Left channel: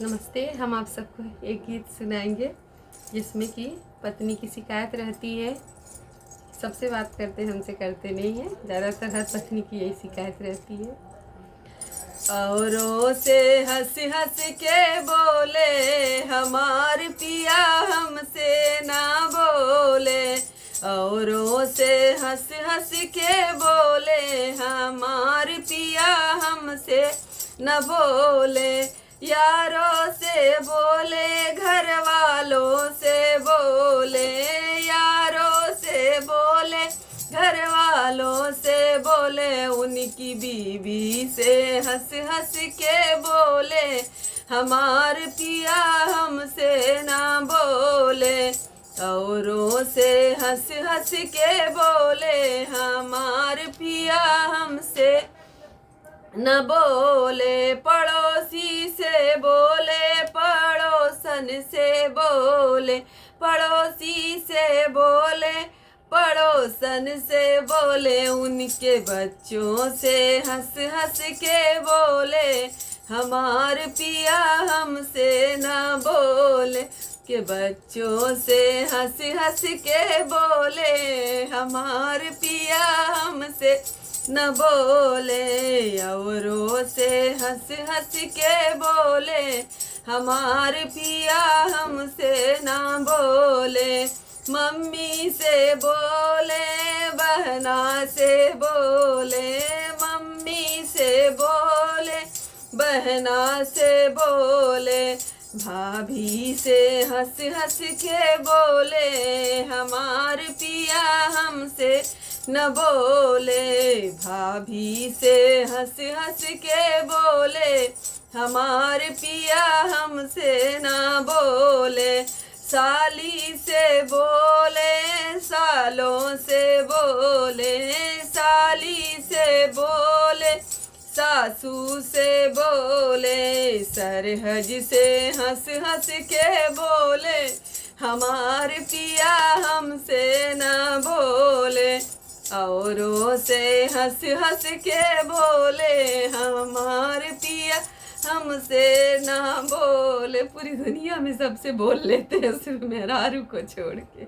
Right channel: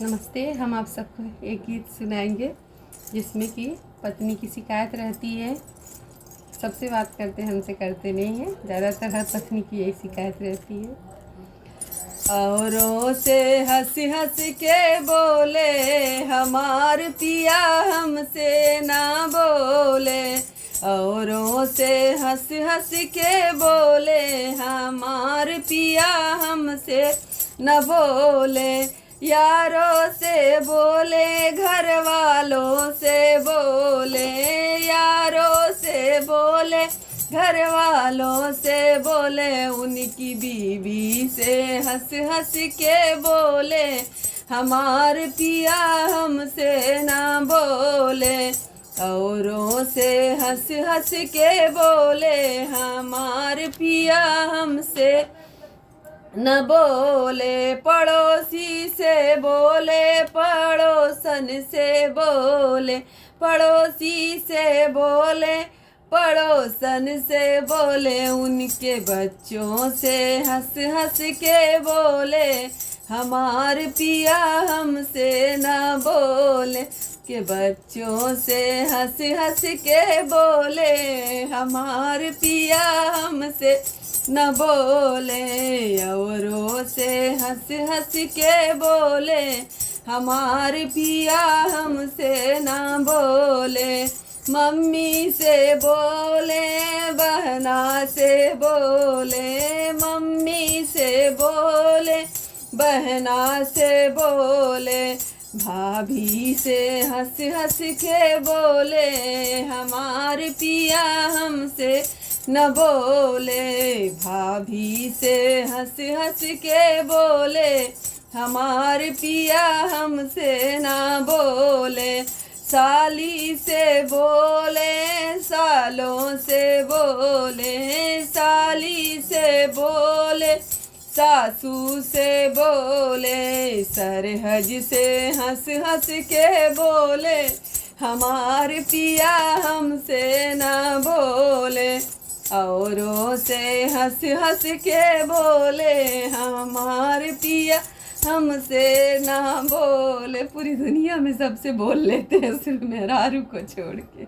नमस्ते। हम आप सबको एक गीत सुनाएंगे जिसमें कि पत्नी की शिकायत रहती है, सबसे बात करते हैं, हमसे करते नहीं है। ज़्यादातर हर पत्नी की यही शिकायत रहती है। औरों से हंस हंस के बोले हमार पिया हमसे ना बोले। औरों से हंस हंस के बोले हमार पिया हमसे न बोले। यारों से बोले घर वालों से बोले, यारों से बोले घर वालों से बोले। उनकी बीवी से हंस हंस के बोले हमार पिया हमसे ना बोले। औरों से हंस हंस के बोले हमार पिया हमसे न बोले। पड़ोसी से बोले पड़ोसन से बोले, पड़ोसी से बोले पड़ोसन से बोले। उनके बच्चों से हंस हंस के बोले हमार पिया हमसे ना बोले। के बच्चों से हंस हंस के बोले हमार पिया हमसे न बोले। औरों से हंस हंस के बोले हमार पिया हमसे ना बोले। मम्मी से बोले बहना से बोले, मम्मी से बोले बहना से बोले। भाभी से हंस हंस के बोले हमार पिया हमसे न बोले। भाभी से हंस हंस के बोले हमार पिया हमसे ना बोले। साली से बोले सालों से बोले, साली से बोले सासू से बोले। सरहज से हंस हंस के बोले हमार पिया हमसे ना बोले। औरों से हंस हंस के बोले हमार पिया हमसे ना बोले। पूरी दुनिया में सबसे बोल लेते हैं, सिर्फ मेहरारू को छोड़ के।